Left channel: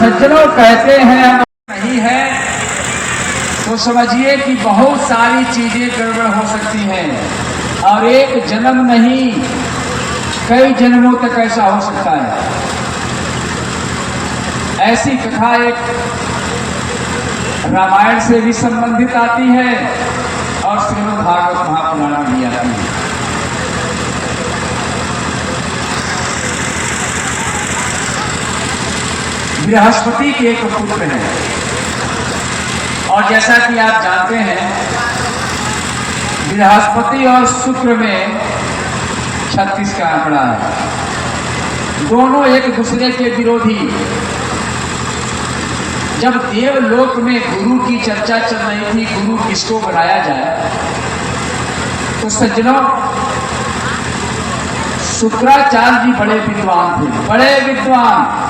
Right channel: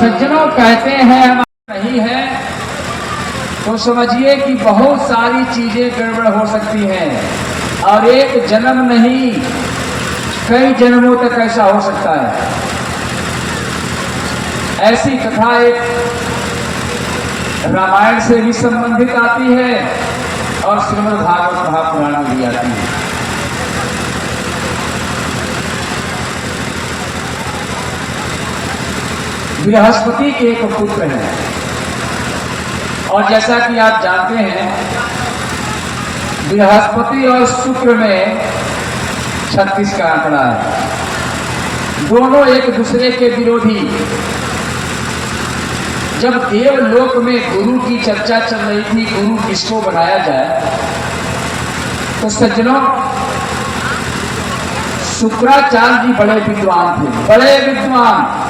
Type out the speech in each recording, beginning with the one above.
सज्जनों कहते हैं नहीं है तो समझिए कि बहुत सारी चीजें गड़बड़ हो सकती हैं और एक जन्म नहीं कई जन्मों तक ऐसा हो सकता है। ऐसी कथा एक रामायण से भी संबंधित आती है और श्रीमद् भागवत महापुराण में भी आती है। बृहस्पति के एक पुत्र हैं और जैसा कि आप जानते हैं बृहस्पति और शुक्र में 36 का आंकड़ा है, दोनों एक दूसरे के विरोधी। जब देवलोक में गुरु की चर्चा चल रही थी, गुरु किसको बनाया जाए, तो सज्जनों शुक्राचार्य जी बड़े विद्वान थे, बड़े विद्वान।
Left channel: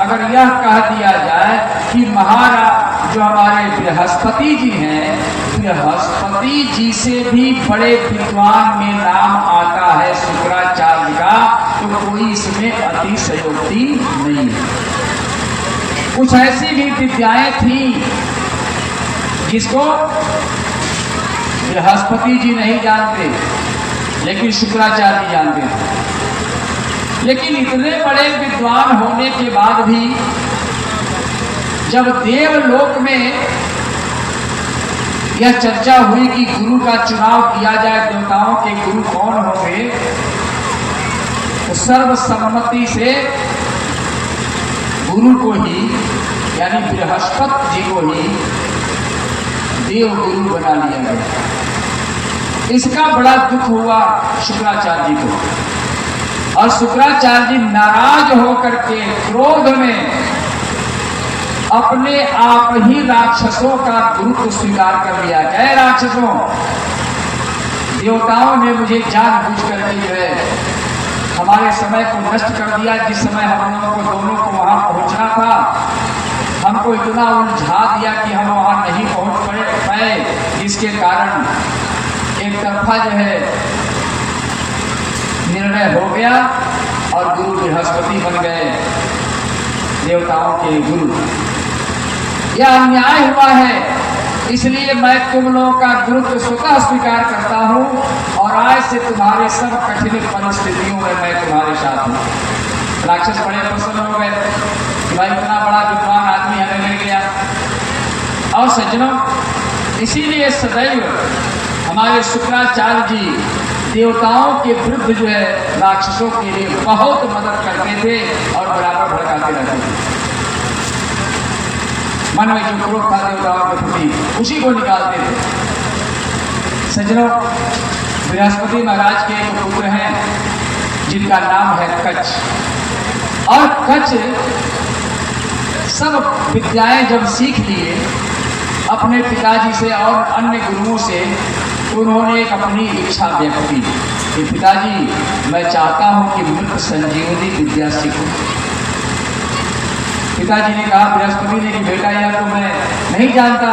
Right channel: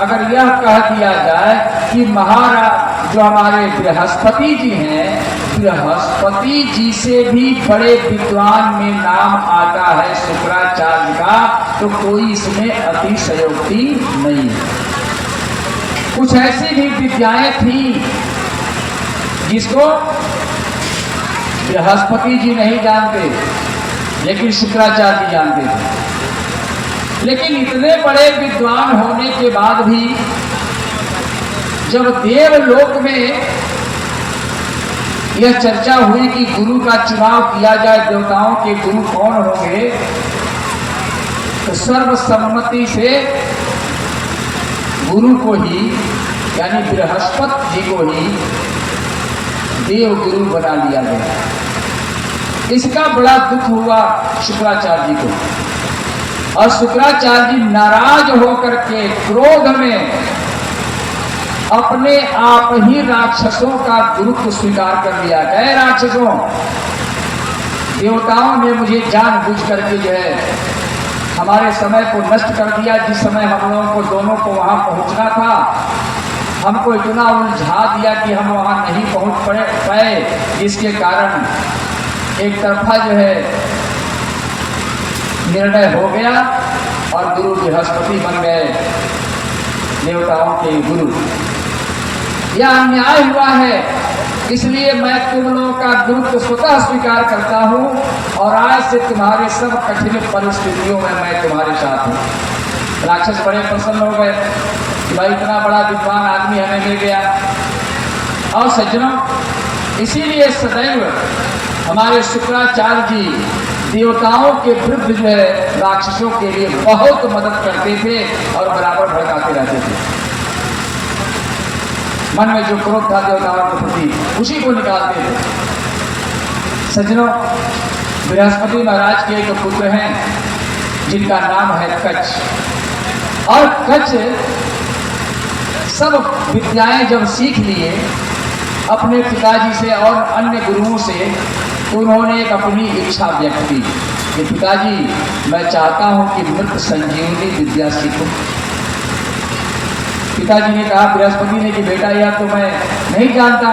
अगर यह कह दिया जाए कि महाराज जो हमारे बृहस्पति जी हैं, बृहस्पति जी से भी बड़े विद्वान में नाम आता है शुक्राचार्य का, तो कोई इसमें अतिशयोक्ति नहीं है। कुछ ऐसी भी विद्याएं थी जिसको बृहस्पति जी नहीं जानते लेकिन शुक्राचार्य जी जानते थे। लेकिन इतने बड़े विद्वान होने के बाद भी जब देवलोक में यह चर्चा हुई कि गुरु का चुनाव किया जाए, देवताओं के गुरु कौन होंगे, तो सर्वसम्मति से गुरु को ही यानी बृहस्पति जी को ही देव गुरु बना लिया गया। इसका बड़ा दुख हुआ शुक्राचार्य जी को और शुक्राचार्य जी नाराज होकर के क्रोध में अपने आप ही राक्षसों का गुरुत्व स्वीकार कर लिया। गए राक्षसों, देवताओं ने मुझे जानबूझ करके जो है हमारे समय को नष्ट कर दिया। जिस समय हम लोगों को दोनों को वहां पहुंचना था, हमको इतना उलझा दिया कि हम वहां नहीं पहुंच पाए, जिसके कारण एक तरफा जो है निर्णय हो गया और गुरु बृहस्पति बन गए, देवताओं के गुरु। यह अन्याय हुआ है, इसलिए मैं तुम लोगों का गुरुत्व स्वतः स्वीकार करता हूं और आज से तुम्हारे सब कठिन परिस्थितियों में मैं तुम्हारे साथ हूं। राक्षस बड़े प्रसन्न हो गए कि भाई इतना बड़ा विद्वान आदमी हमें मिल गया। और सज्जनों, इसीलिए सदैव हमारे शुक्राचार्य जी देवताओं के विरुद्ध जो है राक्षसों के लिए बहुत मदद करते थे और बराबर भड़काते रहते थे। मन में जो क्रोध था देवताओं के प्रति उसी को निकालते थे। सज्जनों, बृहस्पति महाराज के एक पुत्र हैं जिनका नाम है कच्छ। और कच्छ सब विद्याएं जब सीख लिए अपने पिताजी से और अन्य गुरुओं से, तो उन्होंने एक अपनी इच्छा व्यक्त की कि पिताजी मैं चाहता हूं कि मृत संजीवनी विद्या सीखूं। पिताजी ने कहा बृहस्पति ने कि बेटा यह तो मैं नहीं जानता,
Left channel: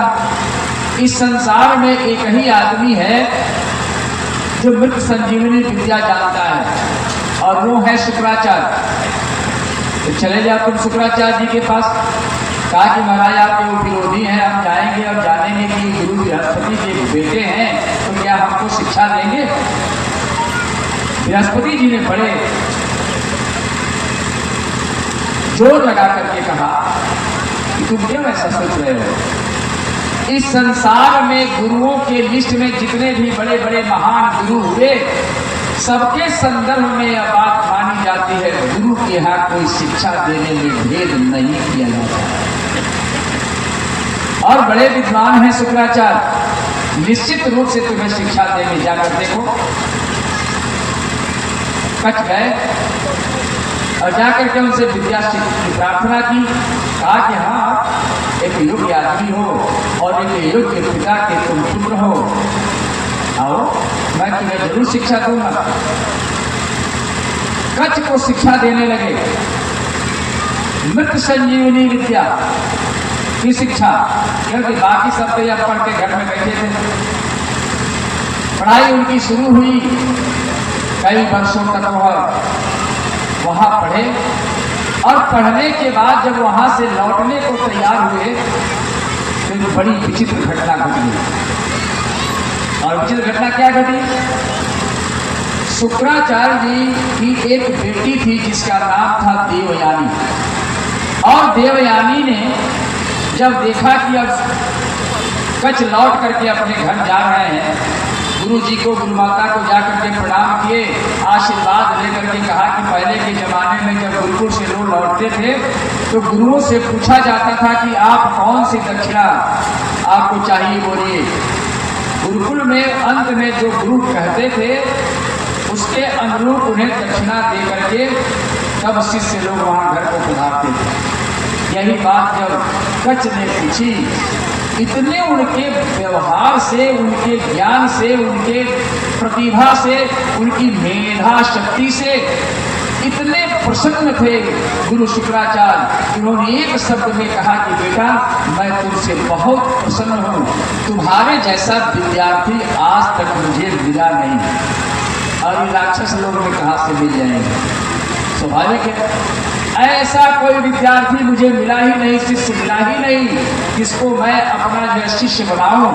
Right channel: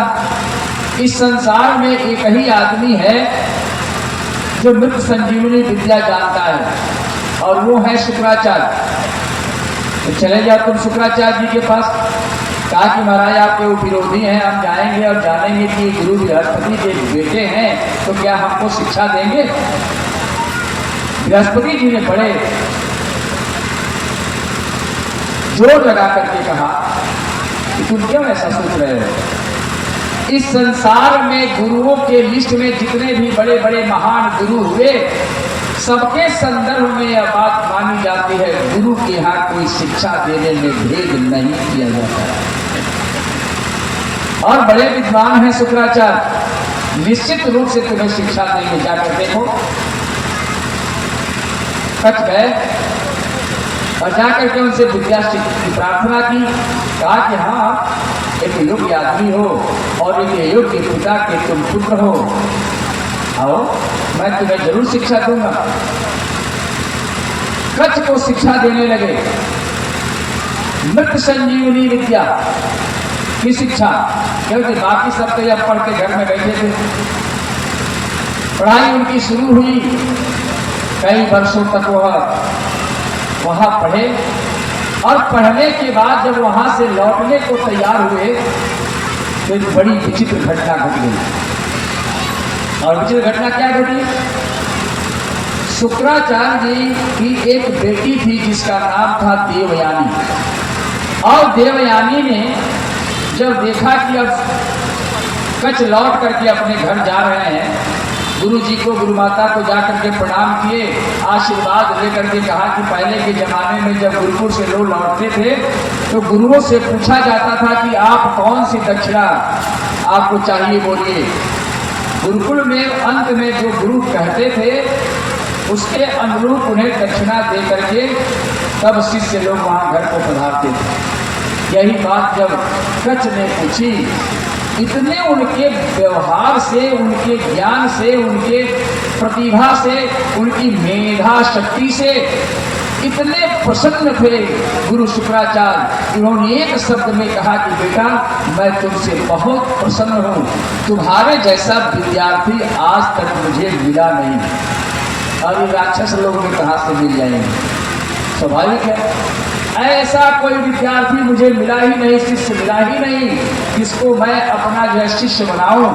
इस संसार में एक ही आदमी है जो मृत संजीवनी विद्या जानता है और वो है शुक्राचार्य। तो चले जाओ तुम शुक्राचार्य जी के पास। कहा कि महाराज आपके वो विरोधी हैं, हम जाएंगे और जानेंगे कि गुरु बृहस्पति के बेटे हैं तो क्या हमको शिक्षा देंगे। बृहस्पति जी ने बड़े जोर लगा करके कहा कि तुम क्यों ऐसा सोच रहे हो। इस संसार में गुरुओं के लिस्ट में जितने भी बड़े बड़े महान गुरु हुए सबके संदर्भ में यह बात मानी जाती है, गुरु के यहाँ कोई शिक्षा देने में भेद नहीं किया जाता। और बड़े विद्वान हैं शुक्राचार्य, निश्चित रूप से तुम्हें शिक्षा देंगे, जाकर देखो। कच्छ गए और जाकर के उनसे विद्या की प्रार्थना की। कहा कि हाँ, एक योग्य आदमी हो और एक योग्य पिता के तुम पुत्र हो, आओ मैं तुम्हें जरूर शिक्षा दूंगा। कच्छ को शिक्षा देने लगे मृत संजीवनी विद्या की शिक्षा, क्योंकि बाकी सब तो जब पढ़ के घर में बैठे थे। पढ़ाई उनकी शुरू हुई, कई वर्षों तक वहां पढ़े और पढ़ने के बाद जब वहां से लौटने को तैयार हुए तो एक बड़ी विचित्र घटना घट गई। और विचित्र घटना क्या घटी? शुक्राचार्य जी की एक बेटी थी जिसका नाम था देवयानी। और देवयानी ने जब देखा कि अब कच्छ लौट करके अपने घर जा रहे हैं, गुरु जी को, गुरु माता को जाकर के प्रणाम किए, आशीर्वाद लेकर के कहा कि पहले के जमाने में जब गुरुकुल से लोग लौटते थे तो गुरुओं से पूछा जाता था कि आप कौन सी दक्षिणा आपको चाहिए, बोलिए। गुरुकुल में अंत में जो गुरु कहते थे उसके अनुरूप उन्हें दक्षिणा दे करके तब शिष्य लोग वहां घर को पधारते थे। यही बात जब कच्छ ने पूछी, इतने उनके व्यवहार से, उनके ज्ञान से, उनके प्रतिभा से, उनकी मेधा शक्ति से इतने प्रसन्न थे गुरु शुक्राचार्य। उन्होंने एक शब्द में कहा कि बेटा मैं तुमसे बहुत प्रसन्न हूँ, तुम्हारे जैसा विद्यार्थी आज तक मुझे मिला नहीं। और ये राक्षस लोगों में कहाँ से मिल जाएंगे, स्वाभाविक है। ऐसा कोई विद्यार्थी मुझे मिला ही नहीं, शिष्य मिला ही नहीं जिसको मैं अपना जो शिष्य बनाऊं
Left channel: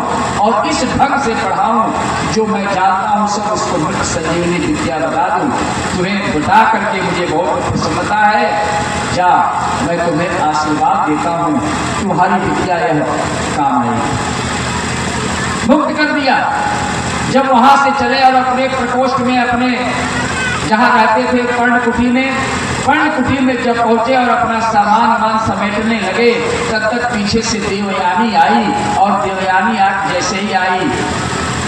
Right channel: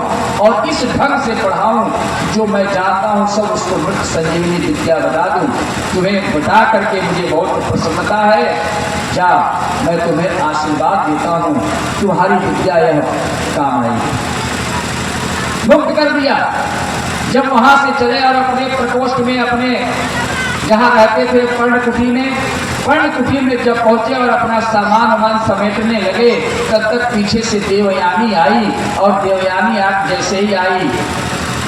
और इस ढंग से पढ़ाऊं जो मैं जानता हूं सब उसको मृत संजीवनी विद्या बना दूं। तुम्हें बता करके मुझे बहुत प्रसन्नता है, जा मैं तुम्हें आशीर्वाद देता हूं, तुम्हारी विद्या यह काम आएगी। मुक्त कर दिया। जब वहां से चले और अपने प्रकोष्ठ में, अपने जहां रहते थे पर्णकुटी में जब पहुंचे और अपना सामान समेटने लगे, तब तक पीछे से देवयानी आई। और देवयानी जैसे ही आई,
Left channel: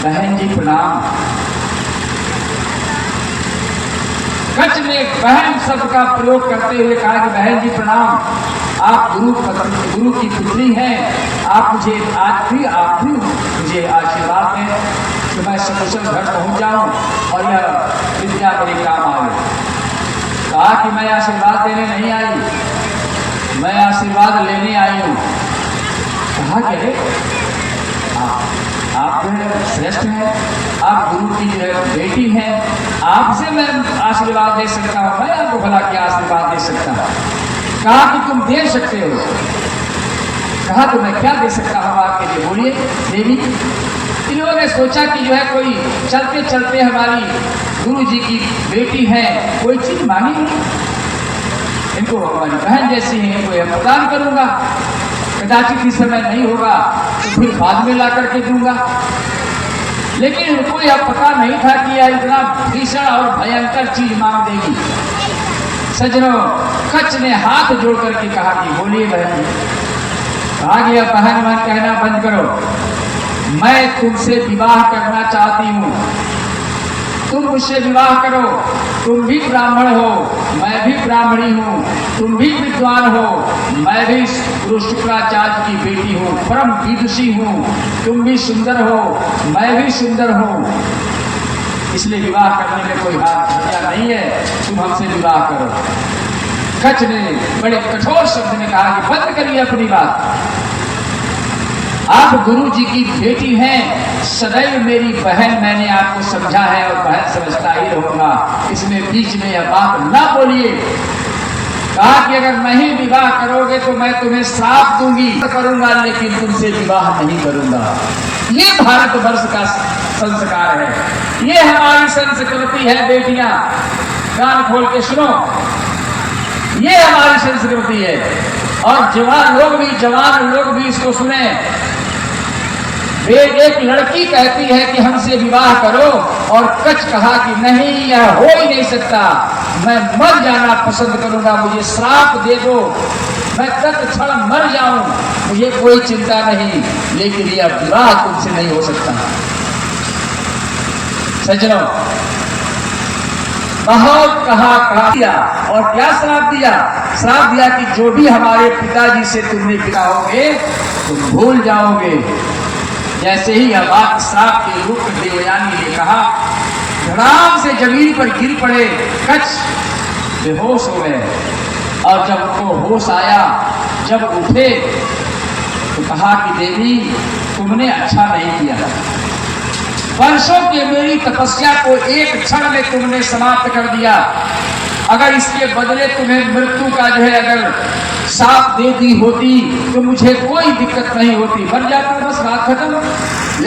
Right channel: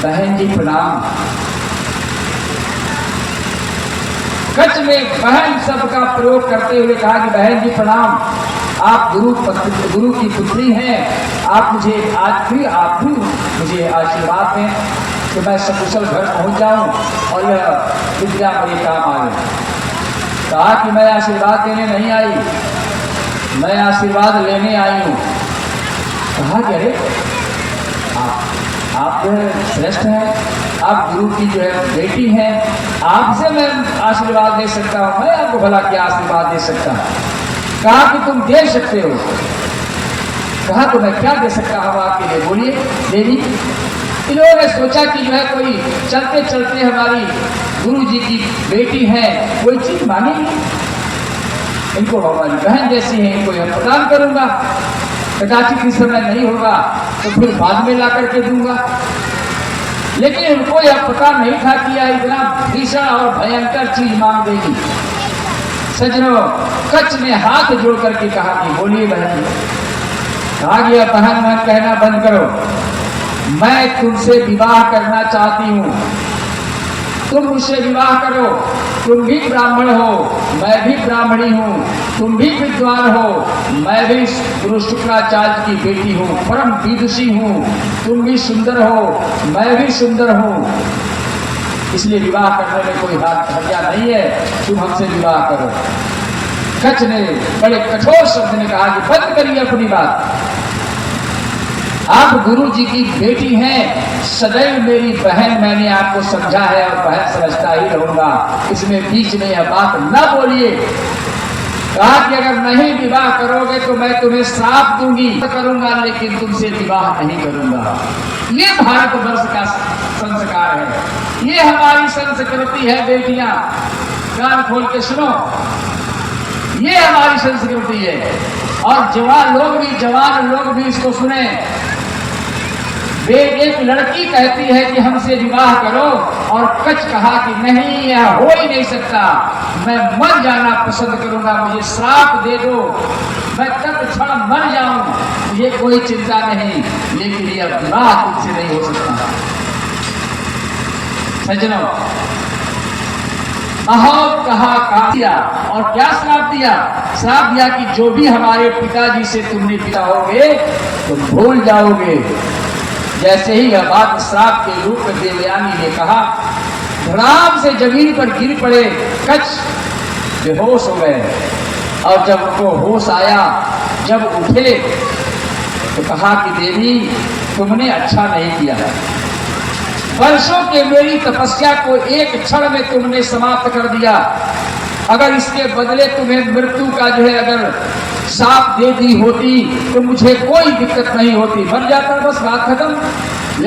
बहन जी प्रणाम। कच्छ ने बहन शब्द का प्रयोग करते हुए कहा कि बहन जी प्रणाम, आप गुरु की पुत्री हैं, आप भी मुझे आशीर्वाद दें तो मैं सकुशल घर पहुंच जाऊं और यह विद्या मेरे काम आए। कहा कि मैं आशीर्वाद देने नहीं आई, मैं आशीर्वाद लेने आई हूँ। कहा कि अरे आप जो है श्रेष्ठ हैं, आप गुरु की जो है बेटी हैं, आपसे मैं आशीर्वाद दे सकता हूँ, मैं आपको भला क्या आशीर्वाद दे सकता हूँ। कहा कि तुम दे सकते हो। कहा तो मैं क्या दे सकता हूँ आपके लिए, बोलिए देवी। इन्होंने सोचा कि जो है कोई चलते चलते हमारी गुरु जी की बेटी है, कोई चीज मांगी, इनको हमारी बहन जैसी है, इनको यह प्रदान करूंगा, कदाचित इस समय नहीं होगा तो फिर बाद में ला करके दूंगा। लेकिन उनको यह पता नहीं था कि यह इतना भीषण और भयंकर चीज मांग देगी। सज्जनों, कच्छ ने हाथ जोड़ करके कहा कि बोलिए बहन। कहा गया बहन मन कहना बंद करो, मैं तुमसे विवाह करना चाहती हूँ, तुम मुझसे विवाह करो। तुम भी ब्राह्मण हो, मैं भी ब्राह्मणी हूँ, तुम भी विद्वान हो, मैं भी गुरु शुक्राचार्य की बेटी हूँ, परम विदुषी हूँ, तुम भी सुंदर हो, मैं भी सुंदर हूँ, इसलिए विवाह करने में कोई हर्जा नहीं है, तुम हमसे विवाह करो। कच्छ ने बड़े कठोर शब्द में कहा कि बंद करिए अपनी बात, आप गुरु जी की बेटी हैं, सदैव मेरी बहन, मैंने आपको समझा है और बहन समझता ही रहूंगा, इसमें बीच में यह बात ना बोलिए। कहा कि अगर नहीं विवाह करोगे तो मैं तुम्हें श्राप दूंगी, करूंगा लेकिन तुमसे विवाह नहीं करूंगा। ये भारतवर्ष का संस्कार है, ये हमारी संस्कृति है बेटियां, कान खोल के सुनो, ये हमारी संस्कृति है। और जवान लोग भी इसको सुने। वे एक लड़की कहती है कि हमसे विवाह करो और कच्छ कहा कि नहीं, यह हो ही नहीं सकता, मैं मर जाना पसंद करूंगा, मुझे श्राप दे दो, मैं तत्क्षण मर जाऊं, मुझे कोई चिंता नहीं, लेकिन यह विवाह तुमसे नहीं हो सकता। सज्जनों, बहुत कहा दिया और क्या श्राप दिया? श्राप दिया कि जो भी हमारे पिताजी से तुमने पिता होगे तुम भूल जाओगे। जैसे ही यह बात श्राप के रूप में देवयानी ने कहा, धड़ाम से जमीन पर गिर पड़े, कच्छ बेहोश हो गए। और जब उनको होश आया, जब उठे तो कहा कि देवी तुमने अच्छा नहीं किया, वर्षों के मेरी तपस्या को एक क्षण में तुमने समाप्त कर दिया। अगर इसके बदले तुम्हें मृत्यु का जो है अगर साथ दे दी होती तो मुझे कोई दिक्कत नहीं होती, मर जाता, बस बात खत्म।